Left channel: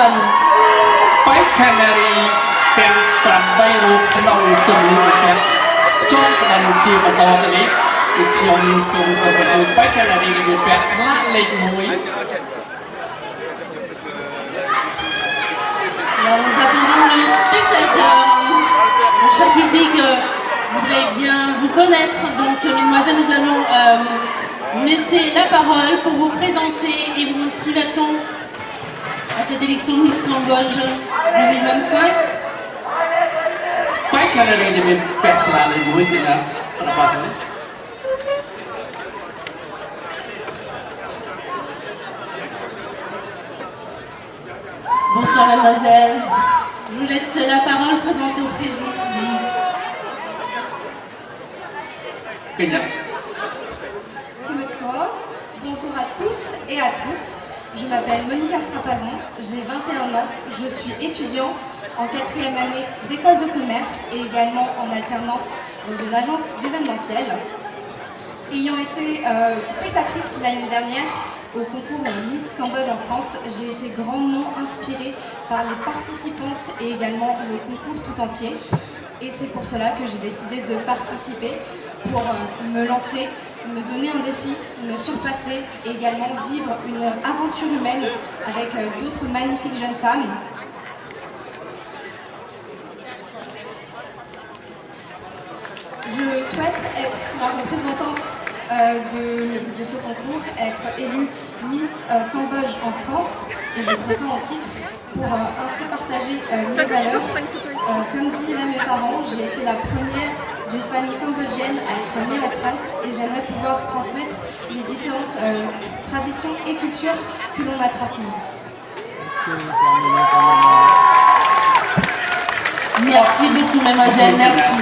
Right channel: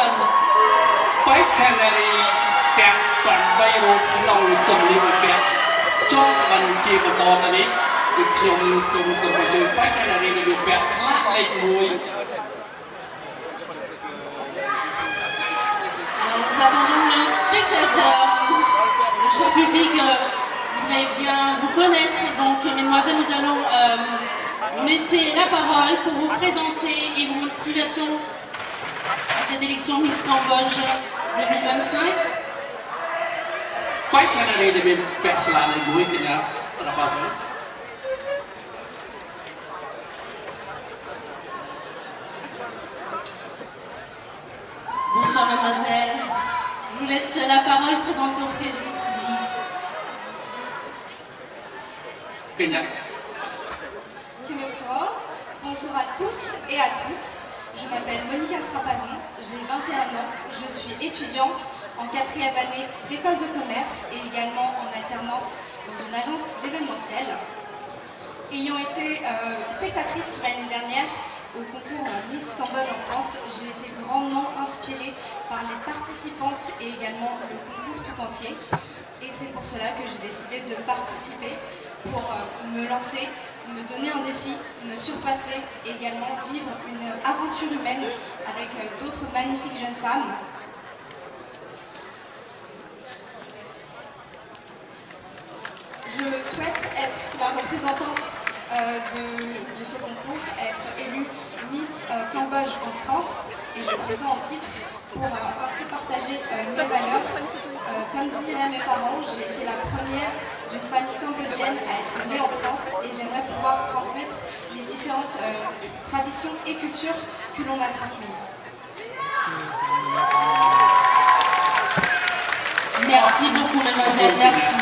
Orban. បេក្ខនារីទាំង8រូបក្នុងសម្លៀកបំពាក់ចូលក្បិនជាបន្តទៅនេះគឺខ្ញុំសូមគោរពបញ្ជូនបេក្ខនារីដែលមានពាក់ស្លាកលេខ1 Alors nous attendons le spectateur. Le cher public voudrait bien vous connaître. Donc mesdemoiselles, nous allons vous laisser la parole pour vous présenter et vos motivations à cette élection Miss Cambodge 2025. បេក្ខនារីដែលមានពាក់ស្លាកលេខ1គឺណាស្រាប់អត់ Bonsoir mademoiselle, je vous laisse la parole présenter auprès du public. Bonjour à tous et à toutes. Je m'appelle Monica Strapazon, j'ai 21 ans, je suis étudiante en 4e année d'école de commerce et également en alternance dans une agence d'événementiel. Ayant été spectatrice l'année dernière au concours Miss Cambodge en France, j'ai été grandement inspirée par les participantes et également le concours tout entier. Et c'est pour cela que j'ai décidé de participer pour me lancer, me donner un défi, me surpasser et également vivre une aventure humaine avec d'autres magnifiques jeunes femmes. Je souhaite être la représentante de ce concours, être élue Miss Cambodge en France, et je prétends au titre pour ainsi partager mes valeurs. Comme diraient mes parents, j'ai été la première d'une famille cambodgienne à être née en France et j'aimerais pouvoir transmettre les différentes traditions et cultures que l'on m'a transmises. Merci beaucoup mademoiselle, merci.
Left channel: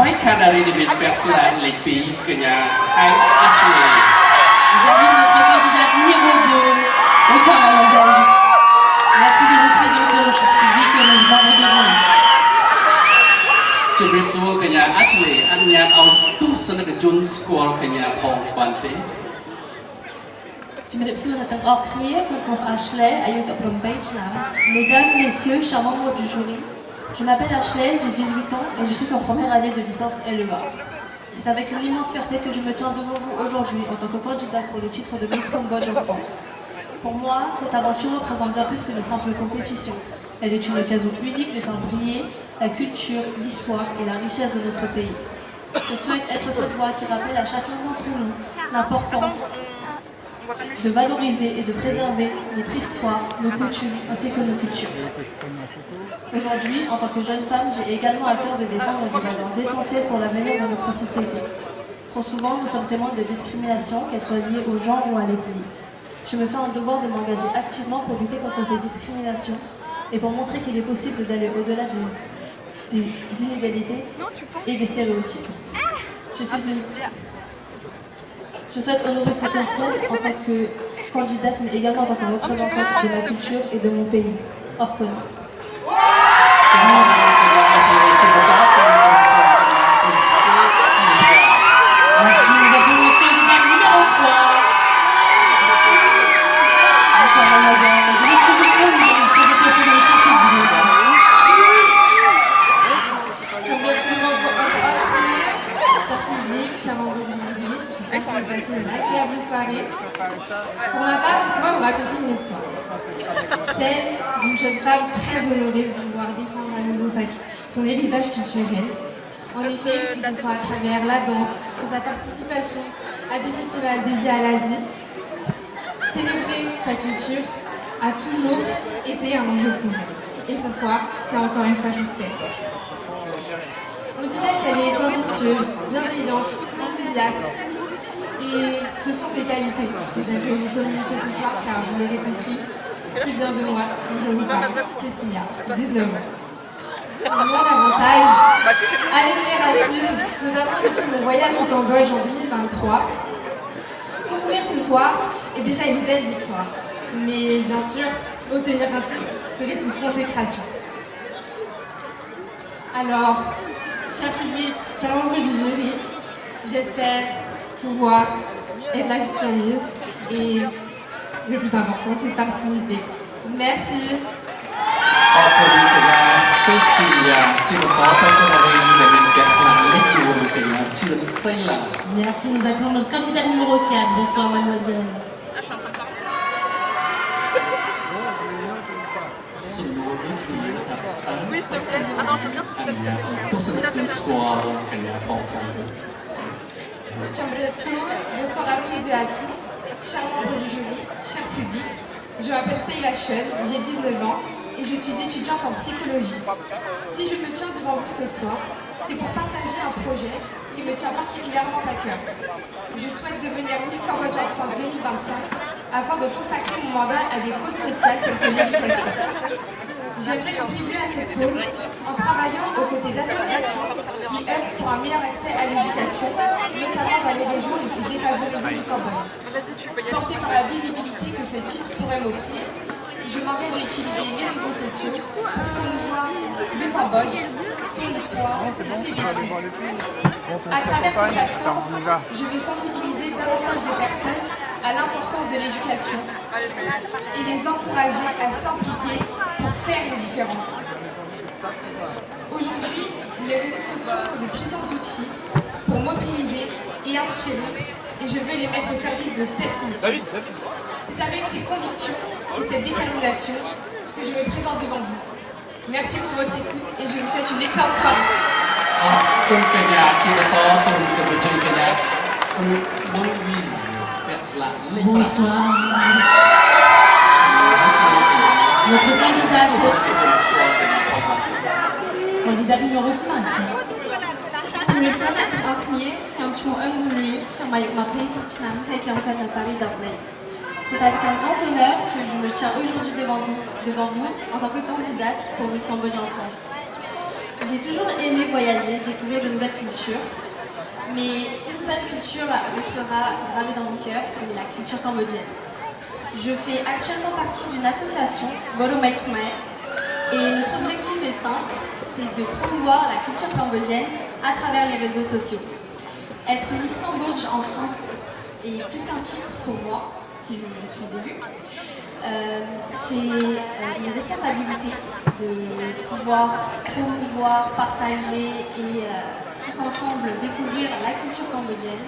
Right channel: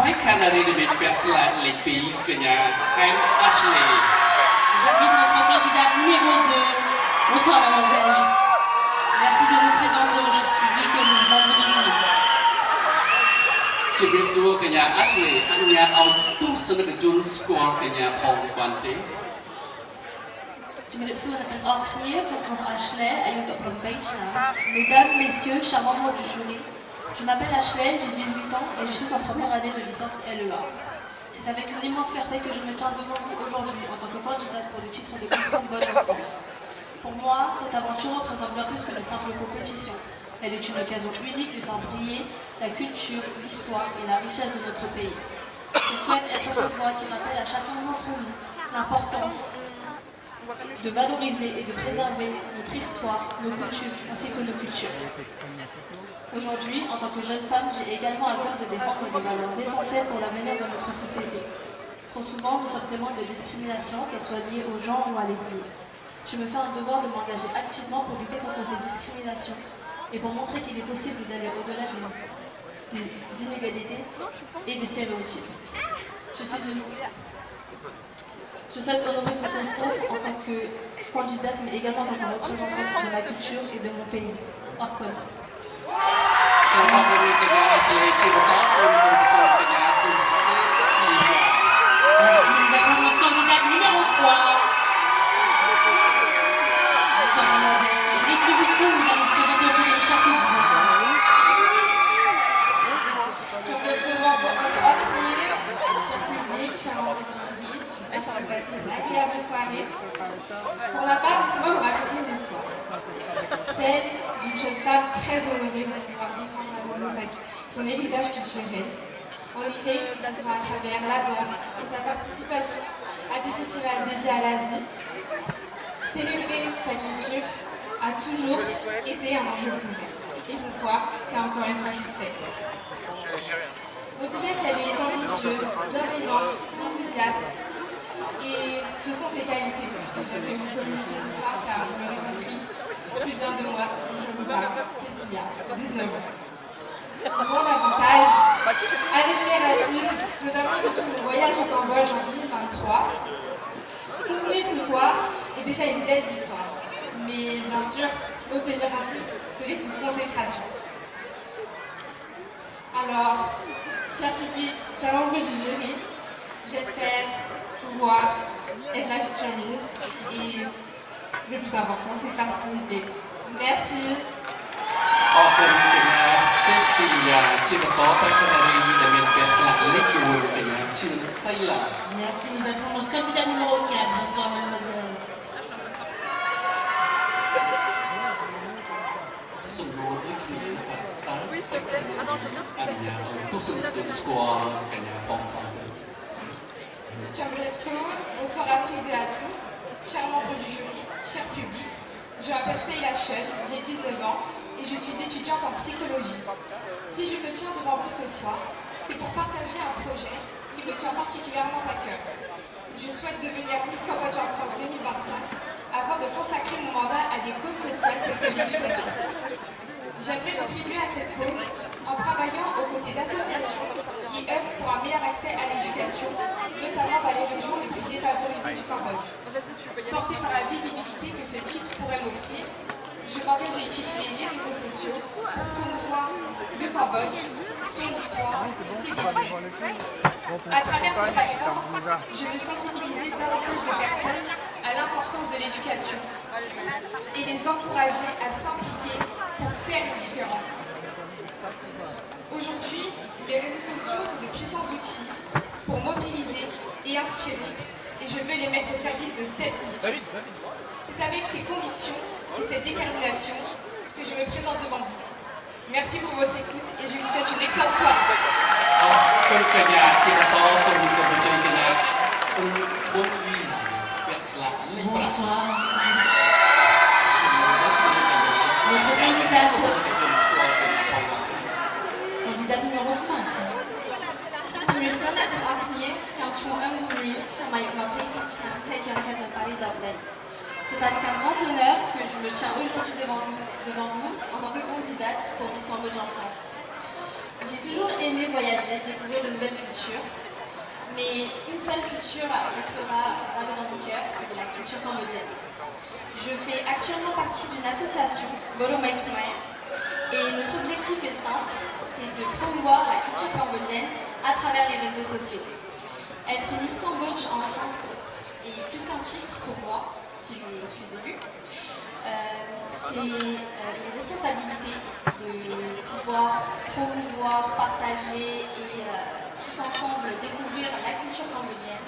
បេក្ខនារីដែលមានពាក់ស្លាកលេខ2កញ្ញាអែម Ashley. J'invite notre candidate numéro 2. Bonsoir mademoiselle. Merci de vous présenter au public et aux membres de jury. ជំរាបសួរកញ្ញា Ashley អនុញ្ញាតឲ្យទស្សនិកជនស្គាល់កញ្ញាផងបានទេ ជំរាបសួរអ្នកទាំងអស់គ្នាខ្ញុំគង់ Ashley អាយុ18ឆ្នាំ Mesdames, Messieurs, chers membres du jury, je m'appelle Ashley, j'ai 18 ans et je suis en première année de licence LEA. C'est avec une immense fierté que je me tiens devant vous aujourd'hui en tant que candidate pour le titre de Miss Cambodge en France. Pour moi, cette aventure représente bien plus qu'une simple compétition. Elle est une occasion unique de faire briller la culture, l'histoire et la richesse de notre pays. Je souhaite être cette voix qui rappelle à chacun d'entre nous l'importance de valoriser et de préserver notre histoire, nos coutumes ainsi que nos cultures. Aujourd'hui, en tant que jeune femme, j'ai également à cœur de défendre des valeurs essentielles pour l'avenir de notre société. Trop souvent, nous sommes témoins de discriminations, qu'elles soient liées au genre ou à l'ethnie. Je me fais un devoir de m'engager activement pour lutter contre ces discriminations et pour montrer qu'il est possible d'aller au-delà des inégalités et des stéréotypes. Je souhaite honorer ce concours en tant que candidate, mais également en tant que représentante de ma culture et de mon pays, Orkon. Merci, nous avons notre candidate numéro 3. Bonsoir mademoiselle, je laisse le micro, vous allez vous présenter auprès de le cher public aussi. Cher public, chers membres du jury, j'espère que vous passez une agréable soirée. Pour ma part, laissez-moi vous raconter une histoire. Celle d'une jeune femme très honorée de pouvoir défendre à nouveau son héritage culturel. En effet, que ce soit à travers la danse ou sa participation à des festivals dédiés à l'Asie, célébrer sa culture a toujours été un enjeu pour elle. Et ce soir, c'est encore une fois chose faite. On dirait qu'elle est ambitieuse, bienveillante, enthousiaste. Et ce sont ces qualités que j'aimerais vous communiquer ce soir, car vous l'aurez compris, c'est bien de moi dont je vous parle, Cécilia, 19 ans. Mon avantage, avec mes racines, notamment depuis mon voyage au Cambodge en 2023, concourir ce soir est déjà une belle victoire. Mais bien sûr, obtenir un titre serait une consécration. Alors, cher public, chers membres du jury, j'espère pouvoir être la future Miss et Le plus important, c'est de participer. Merci. ขอบคุณកញ្ញាសេស៊ីឡាជាបន្តបេក្ខនារីដែលមានការស្លាប់លេខ4កញ្ញាជឿនសេឡា Merci, nous accueillons notre candidate numéro 4. Bonsoir, mademoiselle. សំណួរដូចគ្នាថាតើបេក្ខនារីអនុញ្ញាតឲ្យទស្សនិកជនស្គាល់កញ្ញាផងផង Bonsoir à toutes et à tous, chers membres du jury, cher public. Je m'appelle Seila Chun, j'ai 19 ans et je suis étudiante en psychologie. Si je me tiens devant vous ce soir, c'est pour partager un projet qui me tient particulièrement à cœur. Je souhaite devenir Miss Cambodge en France 2025 afin de consacrer mon mandat à des causes sociales telles que l'éducation. J'aimerais contribuer à cette cause en travaillant aux côtés d'associations qui œuvrent pour un meilleur accès à l'éducation, notamment dans les régions les plus défavorisées du Cambodge. Porté par la visibilité que ce titre pourrait m'offrir, je m'engage à utiliser les réseaux sociaux pour promouvoir le Cambodge, son histoire et ses défis. À travers ces plateformes, je veux sensibiliser davantage de personnes à l'importance de l'éducation et les encourager à s'impliquer pour faire une différence. Aujourd'hui, les réseaux sociaux sont de puissants outils pour mobiliser et inspirer, et je veux les mettre au service de cette mission. C'est avec ces convictions et cette détermination que je me présente devant vous. Merci pour votre écoute et je vous souhaite une excellente soirée. អរគុណកញ្ញាជាបន្តសូមគោរពអញ្ជើញកញ្ញាមុនវីសពាក់ស្លាកលេខ Bonsoir. សំណួរដូចគ្នាកញ្ញា Notre ទស្សនិក candidate, ជនស្គាល់កញ្ញាផងផង candidate numéro 5. ជំរាបសួរអ្នកទាំងអស់គ្នាខ្ញុំឈ្មោះអឹងហ៊ុនវីខ្ញុំអាយុ22ឆ្នាំហើយខ្ញុំកើតនៅប៉ារីស10មី C'est avec un grand honneur que je me tiens aujourd'hui devant vous en tant que candidate pour Miss Cambodge en France. J'ai toujours aimé voyager, découvrir de nouvelles cultures, mais une seule culture restera gravée dans mon cœur, c'est la culture cambodgienne. Je fais actuellement partie d'une association, Bolo Mai Khmer, et notre objectif est simple, c'est de promouvoir la culture cambodgienne à travers les réseaux sociaux. Être Miss Cambodge en France est plus qu'un titre pour moi, si je suis élue. C'est une responsabilité de pouvoir promouvoir, partager et tous ensemble découvrir la culture cambodgienne.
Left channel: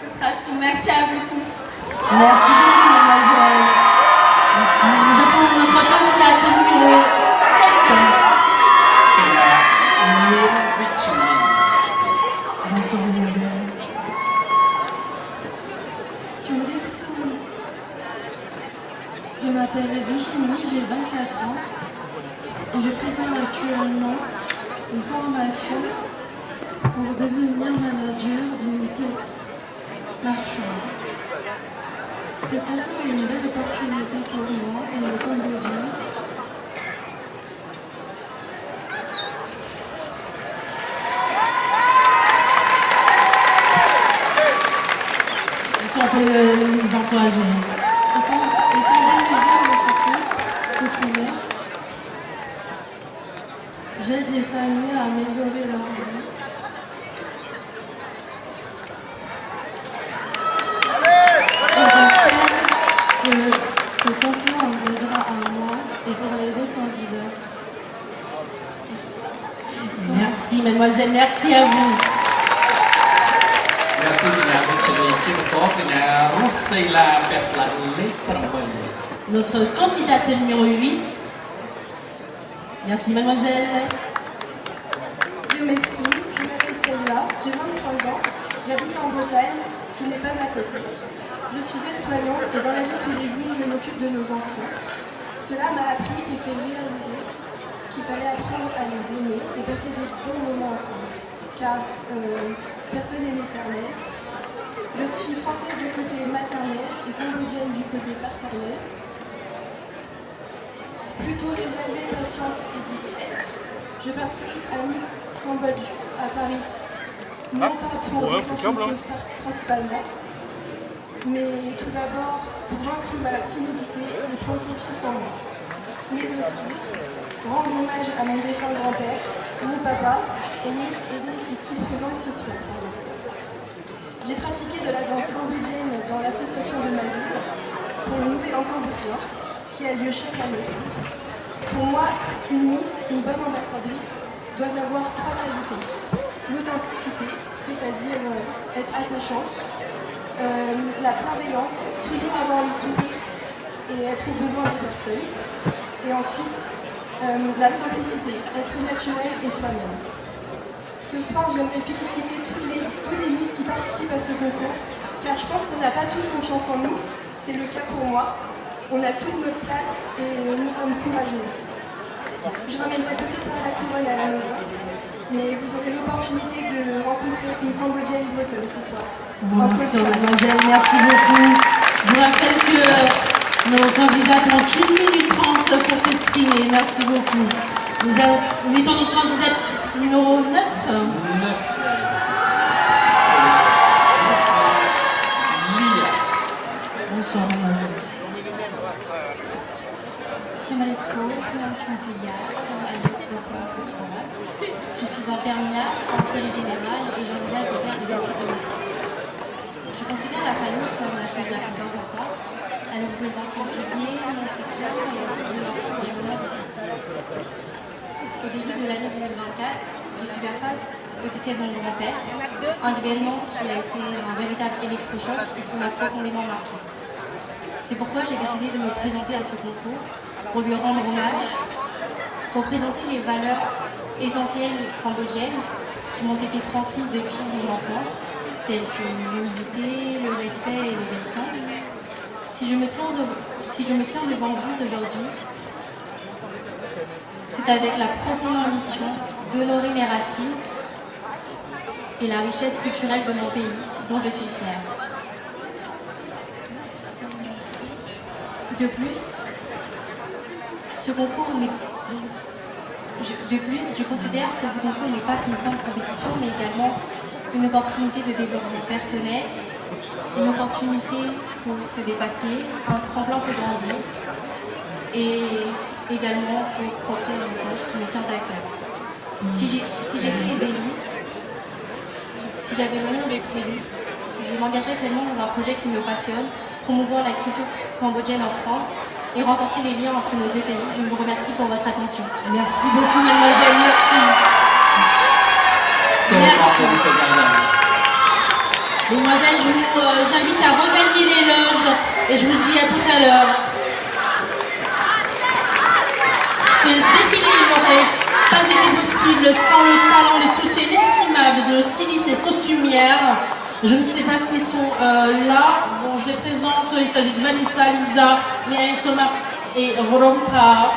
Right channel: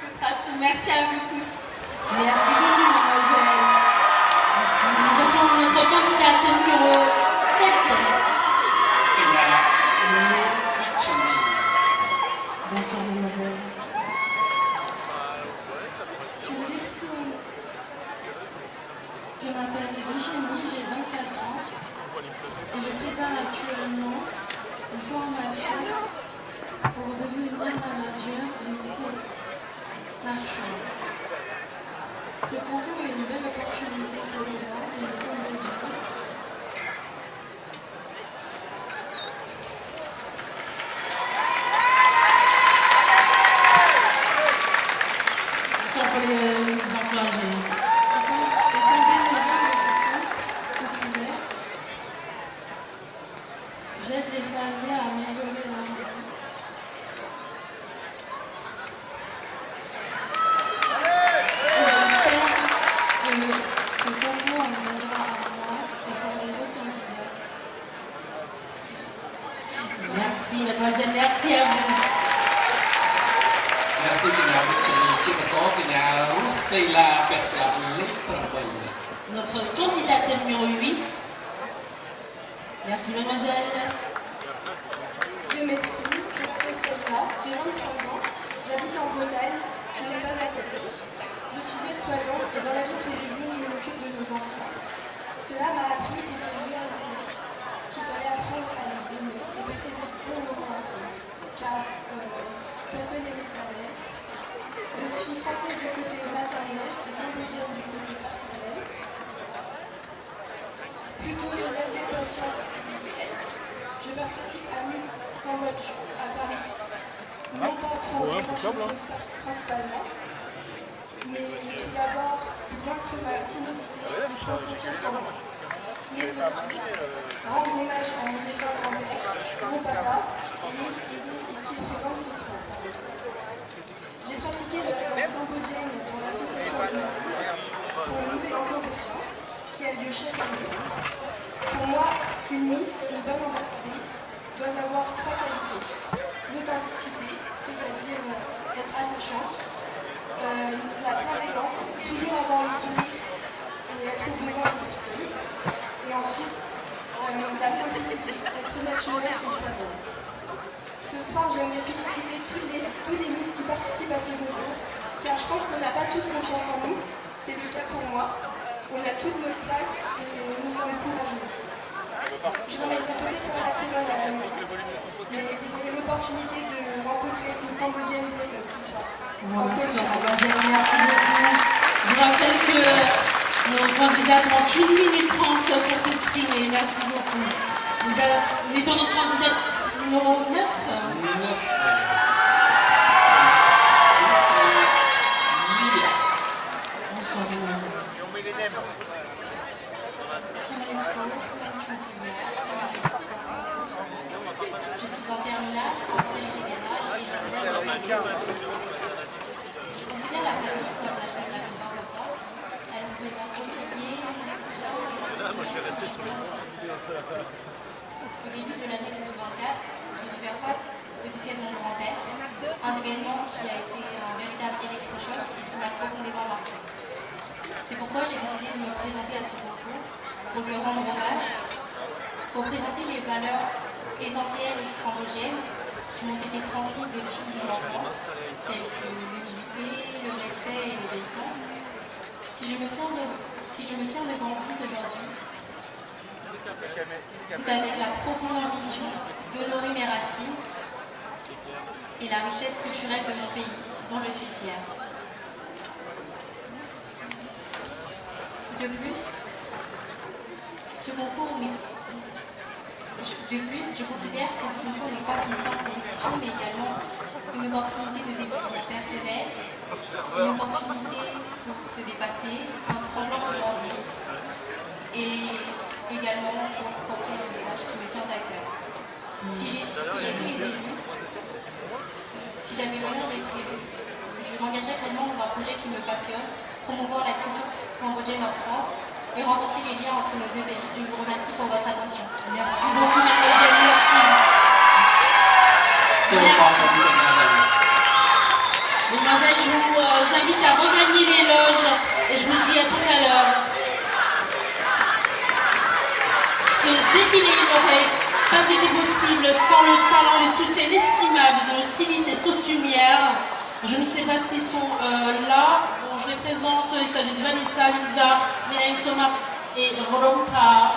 Ce sera tout. Merci à vous tous. Merci beaucoup, mademoiselle. Merci. Je prends notre candidate numéro 7. កញ្ញានួនវិជ្ជនី Bonsoir, mademoiselle. Je m'appelle Virginie, j'ai 24 ans et je prépare actuellement une formation pour devenir manager d'unité marchande. Ce concours est une belle opportunité pour moi et les Cambodgiens. Si on peut les encourager. Étant bénévole de ce concours populaire, j'aide les familles à améliorer leur vie. Et j'espère que ce concours m'aidera à moi et pour les autres candidates. Merci, mademoiselle. Merci à vous. Merci កញ្ញាវិជ្ជនីជាបន្តកញ្ញារុសសេឡាពាក់ស្លាកលេខ8 Notre candidate numéro 8. Merci, mademoiselle. Je m'excuse, je m'appelle Seila, j'ai 23 ans, j'habite en Bretagne, ce qui n'est pas à côté. Je suis aide-soignante et dans la vie de tous les jours, je m'occupe de nos enfants. Cela m'a appris et fait réaliser qu'il fallait apprendre à les aimer et passer des bons moments ensemble. Car personne n'est éternel. Je suis française du côté maternel et cambodgienne du côté paternel. Plutôt réservée, patiente et discrète, je participe à Miss Cambodge à Paris, non pas pour défendre une cause principalement, mais tout d'abord pour vaincre ma timidité et prendre confiance en moi. Mais aussi rendre hommage à mon défunt grand-père, mon papa, et s'il présente ce soir. J'ai pratiqué de la danse cambodgienne dans l'association de ma ville pour le Nouvel An cambodgien qui a lieu chaque année. Pour moi, une Miss, une bonne ambassadrice, doit avoir 3 qualités. L'authenticité, c'est-à-dire être attachante, la bienveillance, toujours avoir le sourire et être aux besoins des personnes. Et ensuite, la simplicité, être naturel et soi-même. Ce soir, j'aimerais féliciter toutes les Miss qui participent à ce concours, car je pense qu'on n'a pas toute confiance en nous, c'est le cas pour moi. On a toute notre place et nous sommes courageuses. Je ramènerai peut-être pas la couronne à la maison, mais vous aurez l'opportunité de rencontrer une Cambodgienne bretonne ce soir. Bien sûr, mademoiselle, merci beaucoup. Je vous rappelle que nos candidates ont 1 minute 30 pour s'exprimer. Merci beaucoup. Nous mettons notre candidate numéro 9. Lia. Bonsoir, mademoiselle. Je suis en terminale, en série générale et j'envisage de faire des études de médecine. Je considère la famille comme la chose la plus importante. Elle représente mon pilier, mon soutien et la source de l'enfance dans les moments difficiles. Au début de l'année 2024, j'ai dû faire face au décès de mon grand-père, un événement qui a été un véritable électrochoc et qui m'a profondément marqué. C'est pourquoi j'ai décidé de me présenter à ce concours pour lui rendre hommage, pour présenter les valeurs essentielles cambodgiennes qui m'ont été transmises depuis mon enfance, telles que l'humilité, le respect et l'obéissance. Si je me tiens devant vous aujourd'hui, c'est avec la profonde ambition d'honorer mes racines et la richesse culturelle de mon pays, dont je suis fière. De plus, je considère que ce concours n'est pas qu'une simple compétition, mais également une opportunité de développement personnel, une opportunité pour se dépasser, un tremplin pour grandir et également pour porter un message qui me tient à cœur. Si j'étais élue, si j'avais l'honneur d'être élue, je m'engagerais pleinement dans un projet qui me passionne, promouvoir la culture cambodgienne en France et renforcer les liens entre nos deux pays. Je vous remercie pour votre attention. Merci beaucoup, mademoiselle. Merci. Merci. Mesdemoiselles, je vous invite à regagner les loges et je vous dis à tout à l'heure. Ce défilé n'aurait pas été possible sans le talent, le soutien inestimable de nos stylistes et costumières. Je ne sais pas s'ils sont là. Bon, je les présente. Il s'agit de Vanessa, Lisa, Léa Somar et Rompa.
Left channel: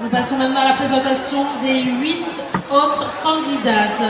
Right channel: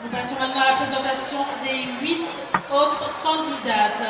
Nous passons maintenant à la présentation des 8 autres candidates.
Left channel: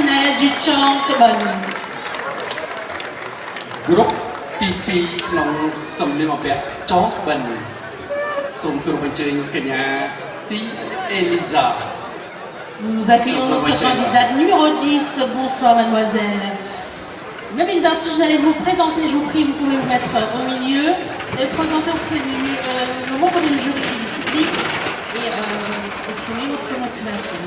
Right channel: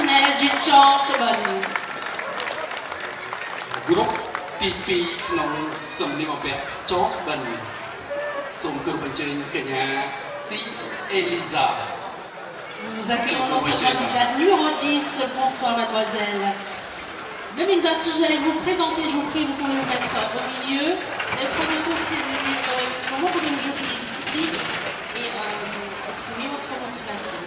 personnel du Chong Kebon. ក្រុមទី2ក្នុងសំលៀកបំពាក់ចងក្បិនសូមគោរពអញ្ជើញកញ្ញាទីអេលីសា Nous accueillons notre candidate numéro 10. Bonsoir, mademoiselle. Même exercice, j'allais vous présenter, je vous prie, vous pouvez vous mettre au milieu. Vous allez vous présenter auprès du membre du jury et du public et exprimer votre motivation.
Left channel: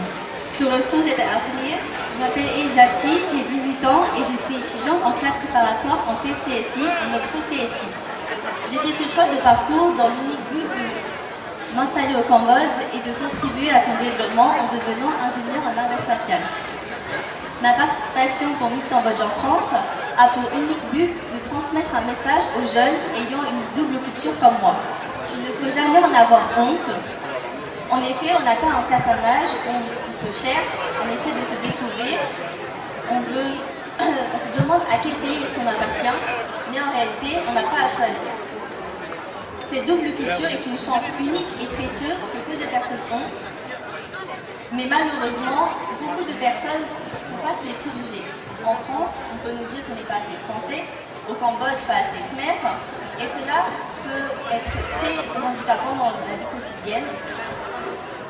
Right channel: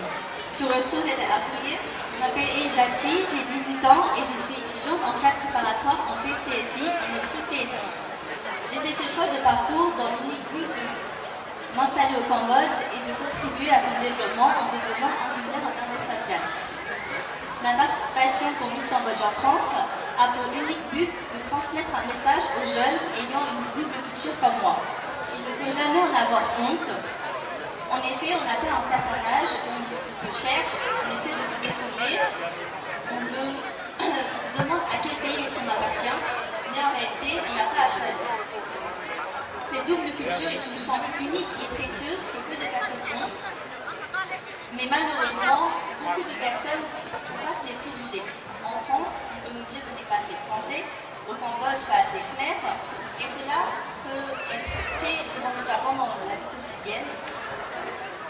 Je reçois d'être appelée. Je m'appelle Elisati, j'ai 18 ans et je suis étudiante en classe préparatoire en PCSI, en option PSI. J'ai fait ce choix de parcours dans l'unique but de m'installer au Cambodge et de contribuer à son développement en devenant ingénieur en navette spatiale. Ma participation pour Miss Cambodge en France a pour unique but de transmettre un message aux jeunes ayant une double culture comme moi. Il ne faut jamais en avoir honte. En effet, on atteint un certain âge, on se cherche, on essaie de se découvrir, on se demande à quel pays est-ce qu'on appartient, mais en réalité, on n'a pas à choisir. Cette double culture est une chance unique et précieuse que peu de personnes ont, mais malheureusement, beaucoup de personnes font face à des préjugés. En France, on peut nous dire qu'on n'est pas assez français, au Cambodge, pas assez khmer, et cela peut être très handicapant dans la vie quotidienne.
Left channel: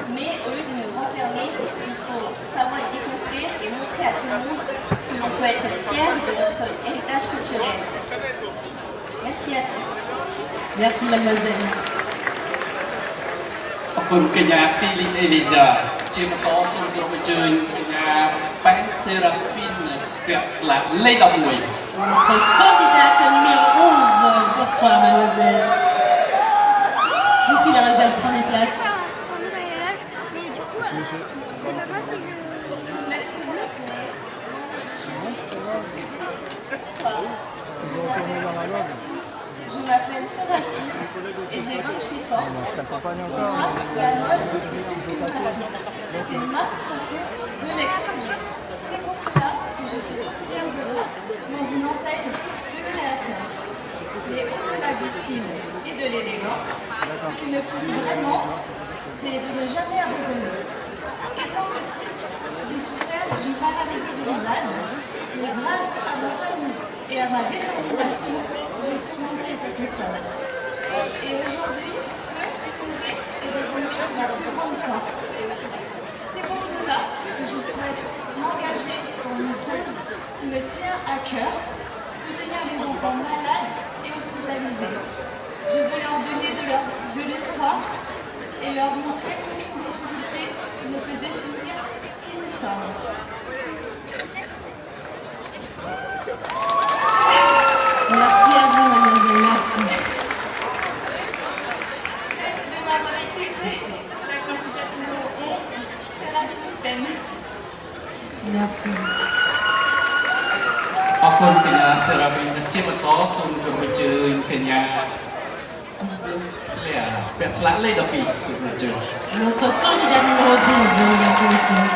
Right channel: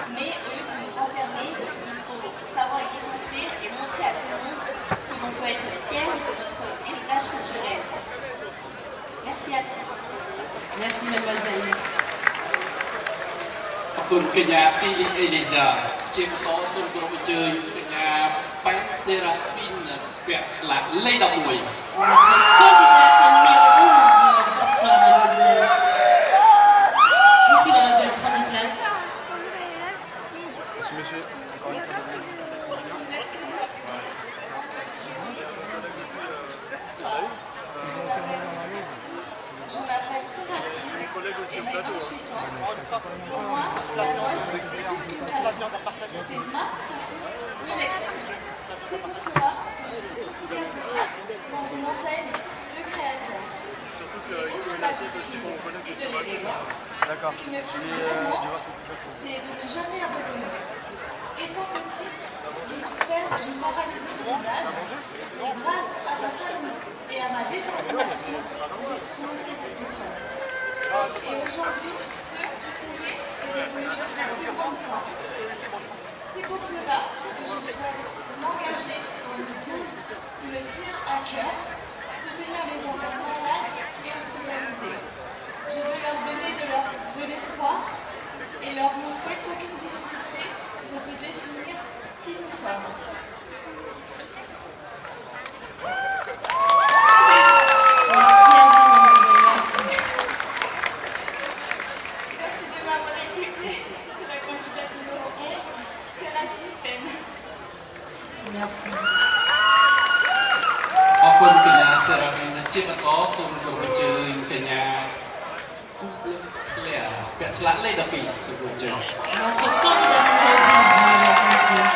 Mais au lieu de nous renfermer, il faut savoir les déconstruire et montrer à tout le monde que l'on peut être fier de notre héritage culturel. Merci à tous. Merci, mademoiselle. អរគុណកញ្ញាទីអេលីសាជាបន្តសូមគោរពអញ្ជើញកញ្ញាប៉ែនសេរ៉ាហ្វីនពាក់ស្លាកលេខ11 Notre candidate numéro 11. Bonsoir, mademoiselle. Je vous prie, mademoiselle, prenez place. Merci de m'appeler. Membre du jury, cher public, bonsoir. Je m'appelle Séraphine et j'ai 28 ans. Pour moi, la mode, c'est plus qu'une façon. C'est ma façon de m'exprimer. C'est pour cela que je suis conseillère de vente dans une enseigne de créateurs. Mais au-delà du style et de l'élégance, ce qui me pousse vraiment, c'est de ne jamais abandonner. Étant petite, j'ai souffert d'une paralysie du visage, mais grâce à ma famille et à ma détermination, j'ai surmonté cette épreuve. Et aujourd'hui, ce sourire est devenu ma plus grande force. C'est pour cela que je souhaite m'engager pour une cause qui me tient à cœur, soutenir les enfants malades et hospitalisés. Je veux leur donner de l'espoir et leur montrer qu'aucune difficulté ne peut définir qui nous sommes. Merci à vous, mademoiselle. Merci. Merci de m'avoir écouté. Je suis la candidate numéro 11, Séraphine Pen. Merci. អរគុណកញ្ញាសេរ៉ាហ្វីនជាបន្តសូមគោរពអញ្ជើញកញ្ញាClaireពាក់ស្លាកលេខ12សូមអញ្ជើញ Notre candidate numéro 12, mesdames et messieurs.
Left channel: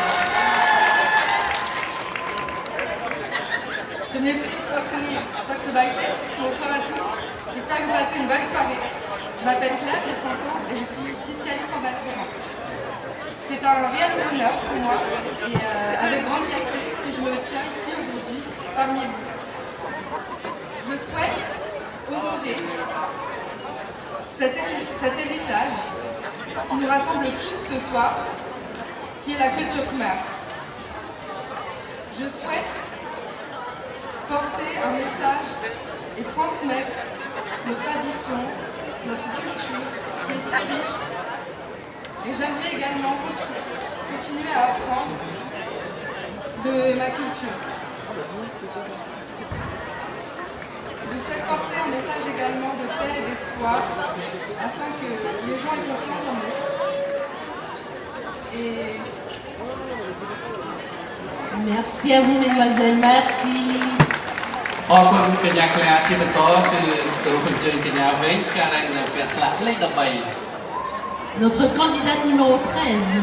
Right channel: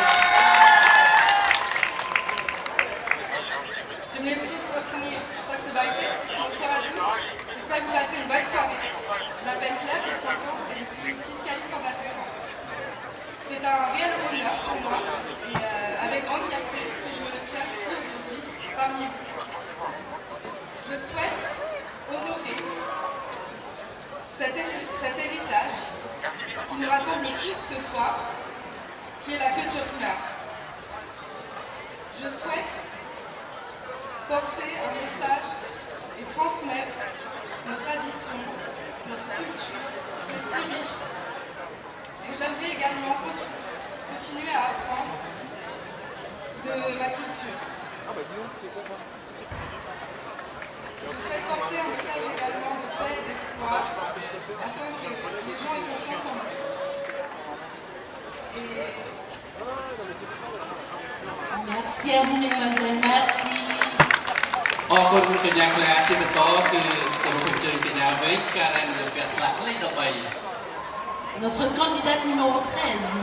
Je m'excuse de reconnaître Saxobaïté. Bonsoir à tous. J'espère que vous passez une bonne soirée. Je m'appelle Claire, j'ai 30 ans et je suis fiscaliste en assurance. C'est un réel honneur pour moi et avec grande fierté que je me tiens ici aujourd'hui parmi vous. Je souhaite honorer cet héritage qui nous rassemble tous ce soir, qui est la culture khmer. Je souhaite porter un message et transmettre nos traditions, notre culture qui est si riche. Et j'aimerais également continuer à apprendre de ma culture. Je souhaite porter un message également de paix et d'espoir afin que les gens aient confiance en nous. Et Merci à vous, mesdemoiselles. Merci. អរគុណកញ្ញា Claire ជាបន្តគឺគោរពអញ្ជើញកញ្ញាវែងការ៉ែនពាក់ស្លាកលេខ13 Notre candidate numéro 13.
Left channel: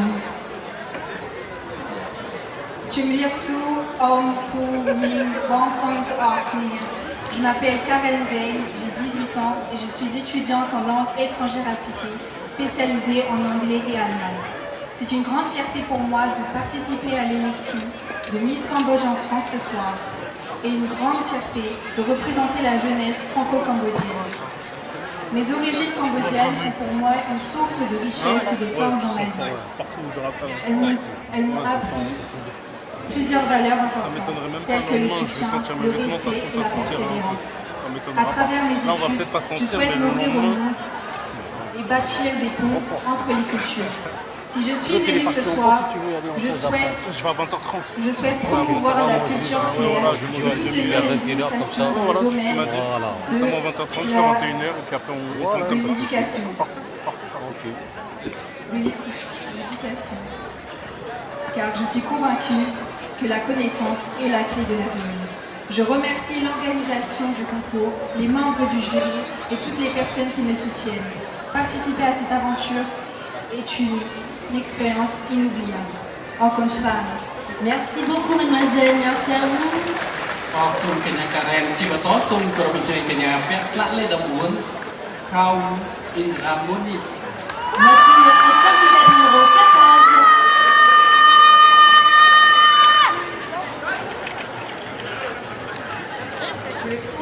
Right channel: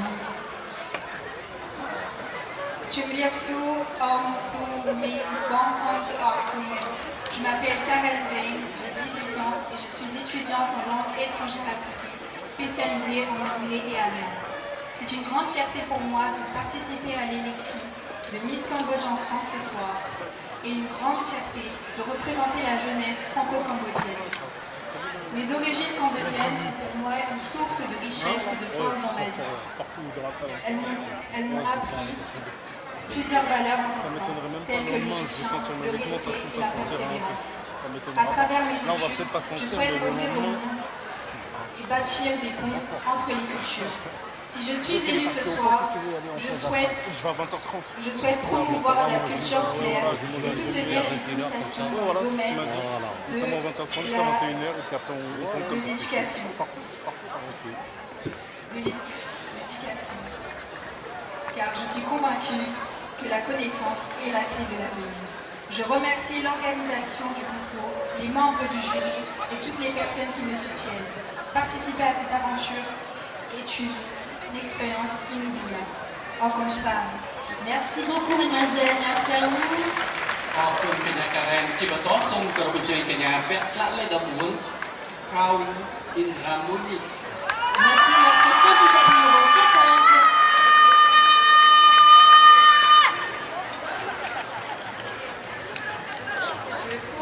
Chumliapsu Om Pu Ming Bang Pont Arkni. Je m'appelle Karen Weng, j'ai 18 ans et je suis étudiante en langue étrangère appliquée, spécialisée en anglais et allemand. C'est une grande fierté pour moi de participer à l'élection de Miss Cambodge en France ce soir et une grande fierté de représenter la jeunesse franco-cambodgienne. Mes origines cambodgiennes sont pour moi une source de richesse et de force dans ma vie. Elles m'ont appris plusieurs valeurs importantes, telles que le soutien, le respect et la persévérance. À travers mes études, je souhaite m'ouvrir au monde et bâtir des ponts entre les cultures. Si je suis élue ce soir, je souhaite promouvoir la culture khmer et soutenir les initiations dans le domaine de l'éducation. Car je suis convaincue que la connaissance est la clé de l'avenir. Je remercie l'organisation du concours, les membres du jury et toutes les personnes qui me soutiennent. Participer à cette aventure est une expérience inoubliable. En Conchran. Merci beaucoup, mademoiselle. Merci à vous. អរគុណកញ្ញាការ៉ែមជាបន្តសូមគោរពអញ្ជើញកញ្ញាពាក់ស្លាកលេខ14 ក្រៅអ៊ីនរ៉ាមូនី Voici notre candidat numéro 14. Je vais vous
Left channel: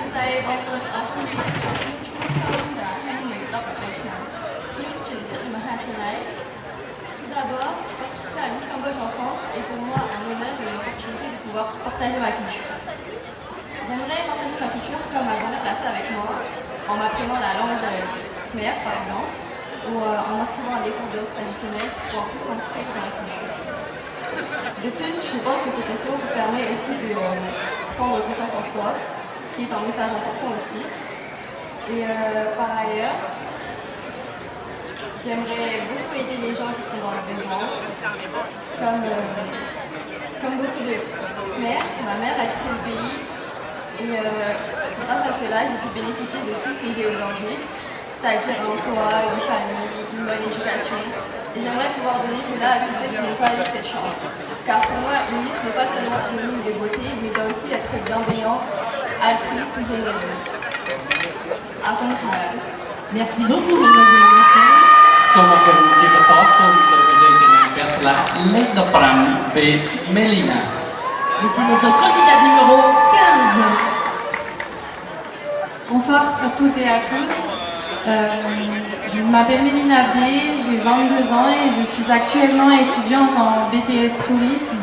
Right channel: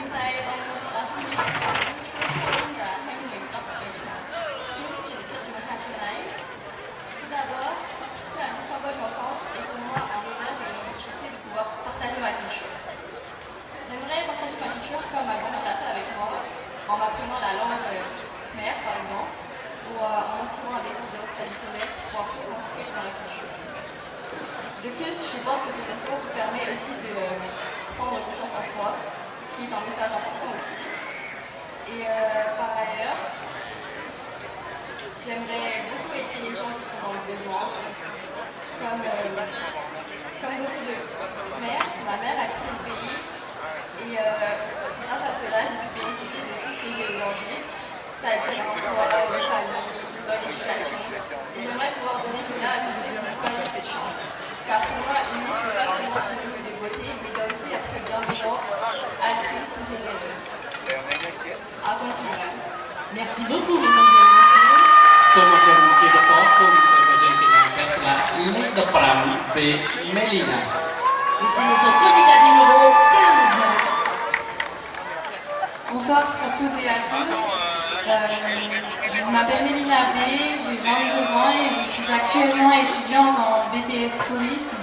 inviter à vous Tout d'abord, participer à Miss Cambodge en France est pour moi un honneur et une opportunité de pouvoir partager ma culture. J'aimerais partager ma culture comme ma grand-mère l'a fait avec moi, en m'apprenant la langue khmer par exemple, ou en m'inscrivant à des cours de danse traditionnelle pour pouvoir plus m'instruire dans la culture. De plus, je pense que ce concours permet aussi de prendre confiance en soi, qui est un message important aussi. Et par ailleurs, j'aimerais beaucoup aider les gens qui sont dans le besoin. Comme beaucoup de mères, ma mère a quitté le pays et grâce à cela, j'ai pu bénéficier de tout ce que j'ai aujourd'hui, c'est-à-dire un toit, une famille, une bonne éducation. Et j'aimerais pouvoir donner cela à tous ceux qui n'ont pas eu cette chance. Car pour moi, une Miss n'est pas seulement synonyme de beauté, mais doit aussi être bienveillante, altruiste et généreuse. À Conchara. Merci beaucoup, mademoiselle. Merci. សូមអរគុណជាបន្តសូមគោរពអញ្ជើញកញ្ញាពាក់ស្លាកលេខ15 V Melina. Et c'est notre candidat numéro 15. Bonsoir à toutes et à tous. Je m'appelle Mélina B, j'ai 22 ans et je suis actuellement étudiante en BTS Tourisme.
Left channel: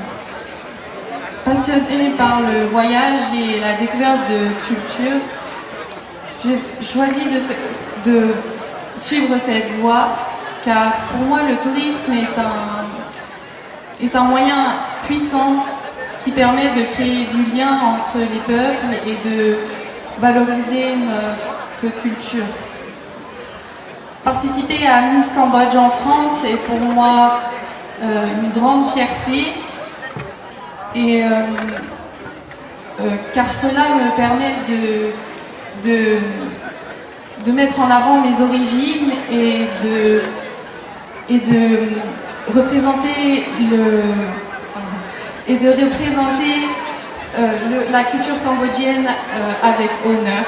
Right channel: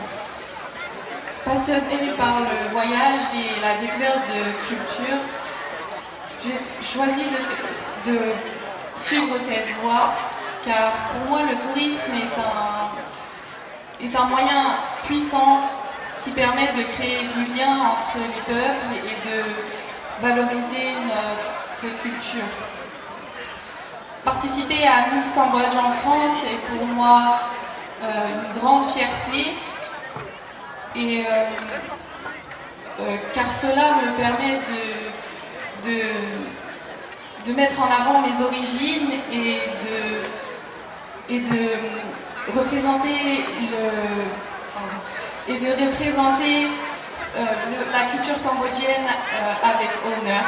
Passionnée par le voyage et la découverte de culture, j'ai choisi de suivre cette voie car pour moi le tourisme est un moyen puissant qui permet de créer du lien entre les peuples et de valoriser notre culture. Participer à Miss Cambodge en France est pour moi une grande fierté et car cela me permet de mettre en avant mes origines et de représenter la culture cambodgienne avec honneur.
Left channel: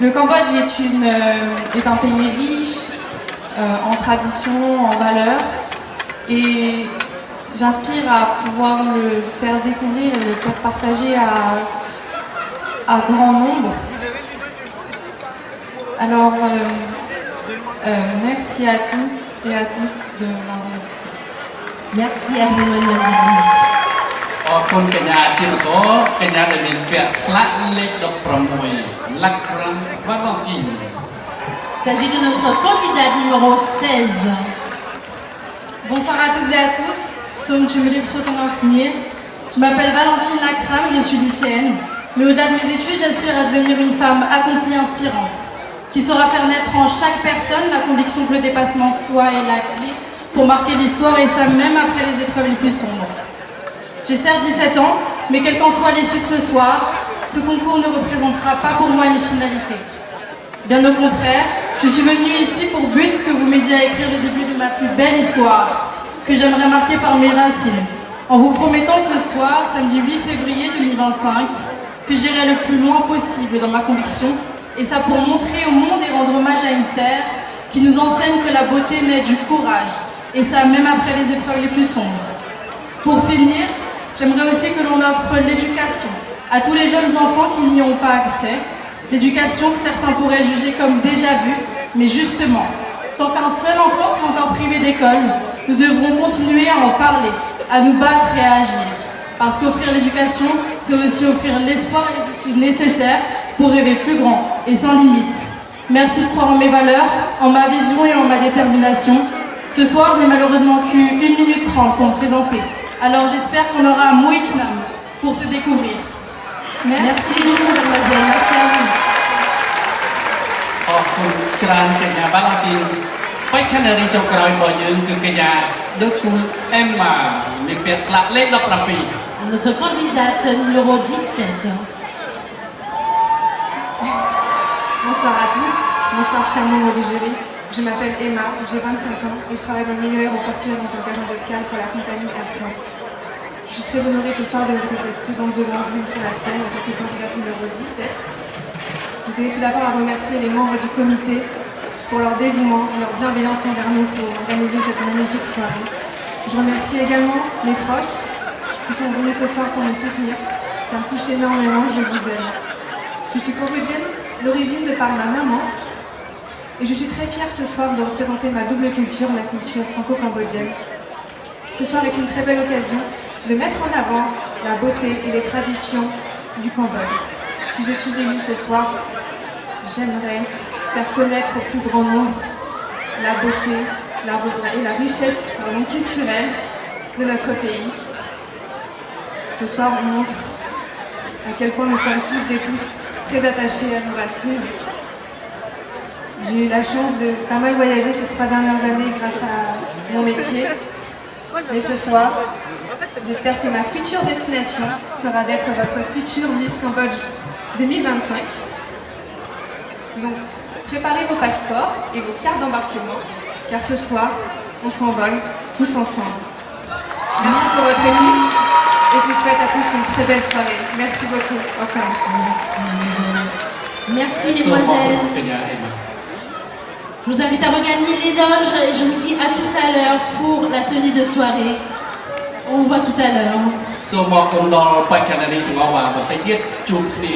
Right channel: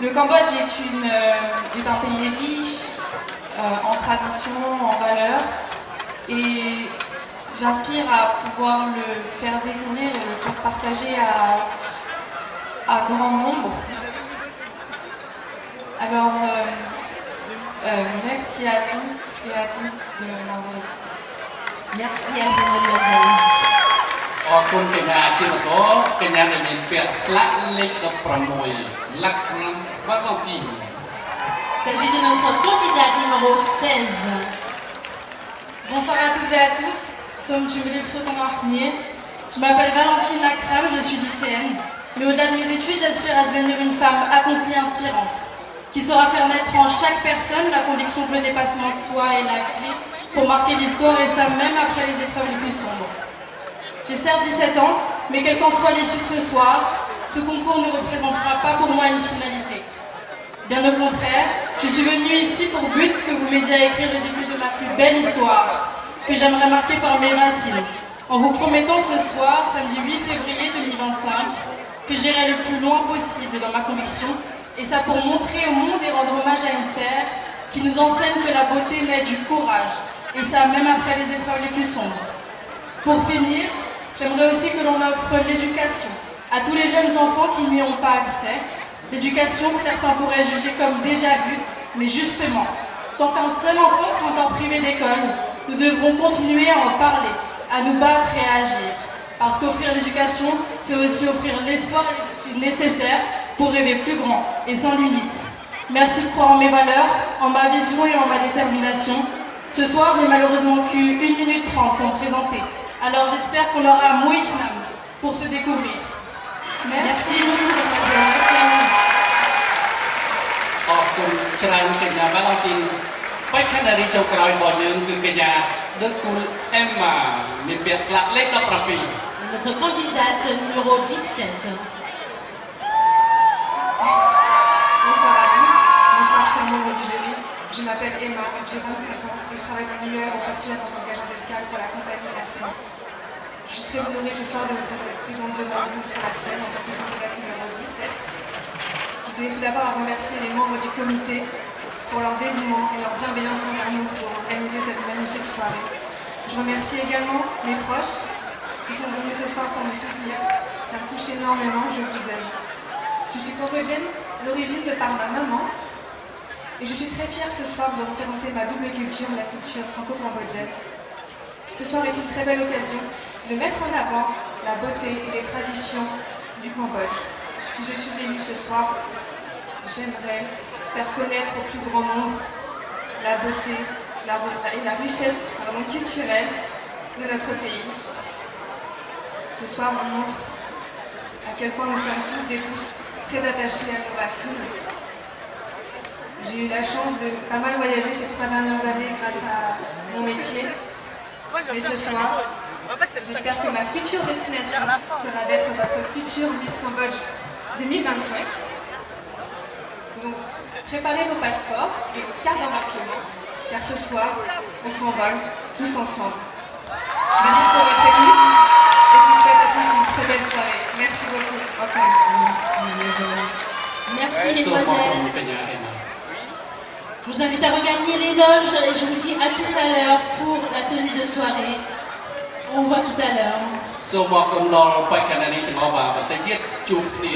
Le Cambodge est un pays riche en traditions, en valeurs et j'aspire à pouvoir le faire découvrir et le faire partager à grand nombre. Alors, merci à tous et à toutes de m'avoir écouté. Merci à vous, mademoiselle. អរគុណកញ្ញាជាបន្តកញ្ញាដែលមានពាក់ស្លាកលេខ16 Lakram Valentine. Il s'agit de notre candidat numéro 16. Bonsoir à toutes et à tous. Je m'appelle Valentine Lakram, je suis lycéenne. Mais au-delà de mes études, j'aspire à devenir une femme accomplie, inspirante, qui saura faire naître en chaque personne la conviction que le dépassement de soi est la clé pour marquer l'histoire et ça même après les épreuves les plus sombres. J'ai certes 17 ans, mais quelle qu'en soit l'issue de ce soir, ce concours ne représentera pas pour moi une finalité. Bien au contraire, je suis venue ici pour but que vous m'aidiez à écrire le début de ma plus belle histoire, que j'aimerais marquer par mes racines, en vous promettant ce soir, samedi 8 février 2025, que j'irai le plus loin possible dans ma conviction, et ça pour montrer au monde et rendre hommage à une terre qui nous enseigne que la beauté naît du courage, et ça même après les épreuves les plus sombres. Pour finir, j'aimerais aussi que l'on offre l'éducation à tous les jeunes enfants qui n'y ont pas accès. L'éducation que certains pourraient juger comme déjà vue, mais justement, tant qu'un seul enfant sera encore privé d'école, nous devrons continuer à en parler, à nous battre et à agir. Parce qu'offrir l'éducation, c'est aussi offrir l'espoir et les outils nécessaires pour rêver plus grand et sans limite. Merci de croire en mes valeurs, en ma vision et en ma détermination. Ce soir, j'ai malheureusement que 1 minute 30 pour me présenter. Alors j'espère qu'on aura un Moichnam pour se découvrir. Merci beaucoup, mademoiselle. Merci à vous. អរគុណច្រើនកញ្ញាបាទអរគុណបេក្ខនារីចុងក្រោយរបស់យើងគឺកញ្ញា De Cool Emma មានពាក្យស្លាកលេខ 17 Notre candidate numéro 17. Bonsoir à tous, bonsoir chers membres du jury. Je m'appelle Emma, j'ai 25 ans et je travaille dans le milieu aéroportuaire en tant qu'agent d'escale pour la compagnie Air France. Je suis très honorée ce soir d'être présente devant vous sur la scène en tant que candidate numéro 17. Je tenais tout d'abord à remercier les membres du comité pour leur dévouement et leur bienveillance envers nous pour organiser cette magnifique soirée. Je remercie également mes proches qui sont venus ce soir pour me soutenir. Ça me touche énormément, je vous aime. Je suis cambodgienne d'origine de par ma maman et je suis très fière ce soir de représenter ma double culture, la culture franco-cambodgienne. Ce soir est une très belle occasion de mettre en avant la beauté et les traditions du Cambodge. Si je suis élue ce soir, j'aimerais faire connaître au plus grand nombre la beauté et la richesse culturelle de notre pays. Ce soir, on montre à quel point nous sommes toutes et tous très attachés à nos racines. J'ai eu la chance de pas mal voyager ces 3 dernières années grâce à mon métier. Mais ce soir, j'espère que ma future destination sera d'être votre future Miss Cambodge 2025. Donc, préparez vos passeports et vos cartes d'embarquement, car ce soir, on s'envole tous ensemble. Merci pour votre écoute et je vous souhaite à tous une très belle soirée. Merci beaucoup. Encore. Merci, mes amis. Merci, mesdemoiselles. Je vous invite à regagner les loges et je vous dis à tout à l'heure pour la tenue de soirée. On vous voit tout à l'heure. សូមអរគុណដល់បេក្ខនារីទាំងអស់បាទបន្តិចទៀតជួបគ្នា